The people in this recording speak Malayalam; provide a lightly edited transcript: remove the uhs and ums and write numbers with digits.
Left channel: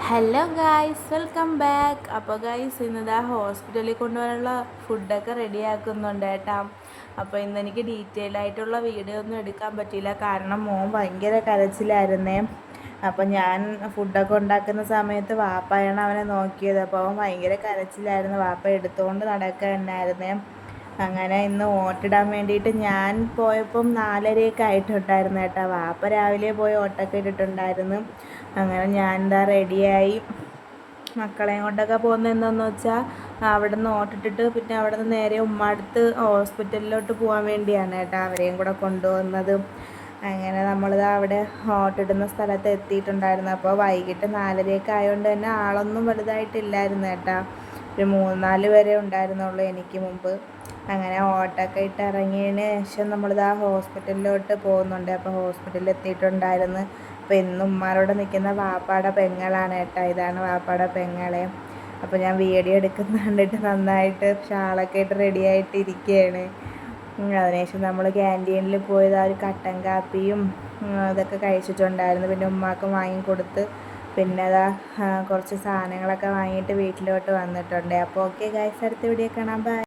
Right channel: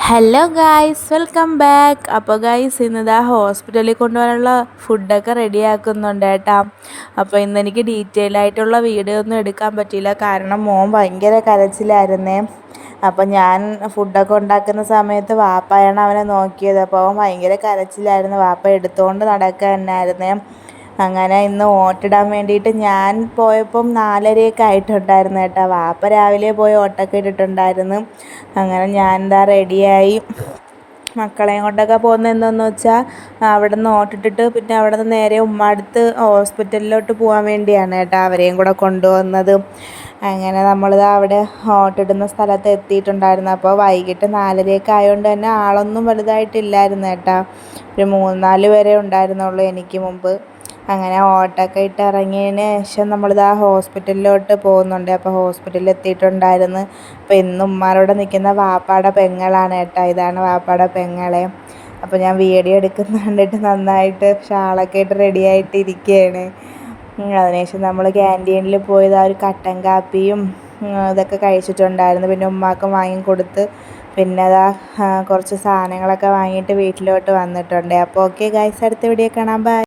Hello guys, welcome back. അപ്പോൾ ഗായ്സ്, ഇന്നിതാ ഹോസ്പിറ്റലിൽ കൊണ്ടുപോകാനുള്ള ഫുഡൊക്കെ റെഡിയാക്കുന്നുണ്ട് കേട്ടോ. അപ്പോൾ ഇന്നെനിക്ക് ഡീറ്റെയിൽ ആയിട്ടുള്ള വീഡിയോ ഒന്നും എടുക്കാൻ പറ്റിയില്ല, കാരണം മോൻ ഭയങ്കര കരച്ചിലായിരുന്നേ. അപ്പോൾ ഞാൻ ഫുഡൊക്കെ ഉണ്ടാക്കുന്ന സമയത്ത് വാപ്പയാണ് അവനെ നോക്കിയത്. അപ്പോൾ അവൻ ഭയങ്കര കരച്ചിലായിരുന്നു, വാപ്പ എടുത്തുകൊണ്ട് നടക്കുക തന്നെയായിരുന്നേ. അങ്ങനെ ഇന്ന് ഓട്ടിടാൻ വേണ്ടിയിട്ട് ഞാൻ പോയപ്പം 4:30 ആയിട്ടുണ്ടായിരുന്നു കേട്ടോ. വാപ്പ രാവിലെ പോയി ഓട്ടൊക്കെ ഇട്ടിട്ടുണ്ടായിരുന്നു. അങ്ങനെ ഞാൻ എന്താ റെഡിയായി മക്കളെയും കൊണ്ടൊക്കെ പോകുന്നത് എന്താണെന്ന് വെച്ചാൽ അവിടെ നിന്ന് ഓട്ടിട്ടിട്ട് പിന്നെ അവിടെ നിന്ന് നേരെ ഉമ്മടുത്ത് ഹോസ്പിറ്റലിലോട്ട് പോകാൻ വേണ്ടിയാണ് കേട്ടോ അവരെയും കൂടെ കൊണ്ടുവന്നത്. അങ്ങനെ നമ്മളിത് അവിടെ ഓട്ടിടുന്ന സ്ഥലത്ത് എത്തിയിട്ടുണ്ടായിരുന്നു. അപ്പോൾ വൈകിട്ട് 4:30 ആയതുകൊണ്ട് തന്നെ ആളൊന്നും വലുതായിട്ടില്ലായിരുന്നു കേട്ടോ. ഒരു 3-4 പേരെ ഉണ്ടായിരുന്നുള്ളൂ എനിക്ക് മുമ്പ്. അങ്ങനെ ഓട്ടൊക്കെ ഇട്ട് ഇറങ്ങിയതിന് ശേഷം നമ്മളിതാ ഹോസ്പിറ്റലിലോട്ട് പോകുന്നുണ്ട്. അപ്പോൾ ഹോസ്പിറ്റലിൽ എത്തിയിട്ടുണ്ടായിരുന്നു. അപ്പോൾ ഇന്ന് ഉമ്മാരോടെ നിൽക്കുന്ന വാപ്പാടെ പെങ്ങളാണ് കേട്ടോ. ഇതാണ് വാപ്പാടെ പെങ്ങളെ. അപ്പോൾ ഞാൻ വീഡിയോ എടുക്കുന്ന കണ്ടിട്ട് നന്നായിട്ട് ഷാളൊക്കെ ഇട്ട് റെഡി ആയിട്ട് ഇരിക്കുകയാണ്. അതിനുശേഷം നമ്മൾ ക്യാൻറ്റീനിൽ പോയത് ഒരു കട്ടൻ കാപ്പിയും ഇതൊക്കെ കഴിച്ചിട്ടുണ്ടായിരുന്നു. പിന്നെ ഉമ്മാക്കും വാങ്ങിക്കൊടുത്ത് പിന്നെ അതാ കുറച്ച് സാധനങ്ങളൊക്കെ വാങ്ങിയിട്ട് വീട്ടിലോട്ട് വന്നിട്ടുണ്ട്. അപ്പോൾ ഓക്കെ ഗൈസ്, അടുത്ത വീഡിയോ കാണാം. ബൈ.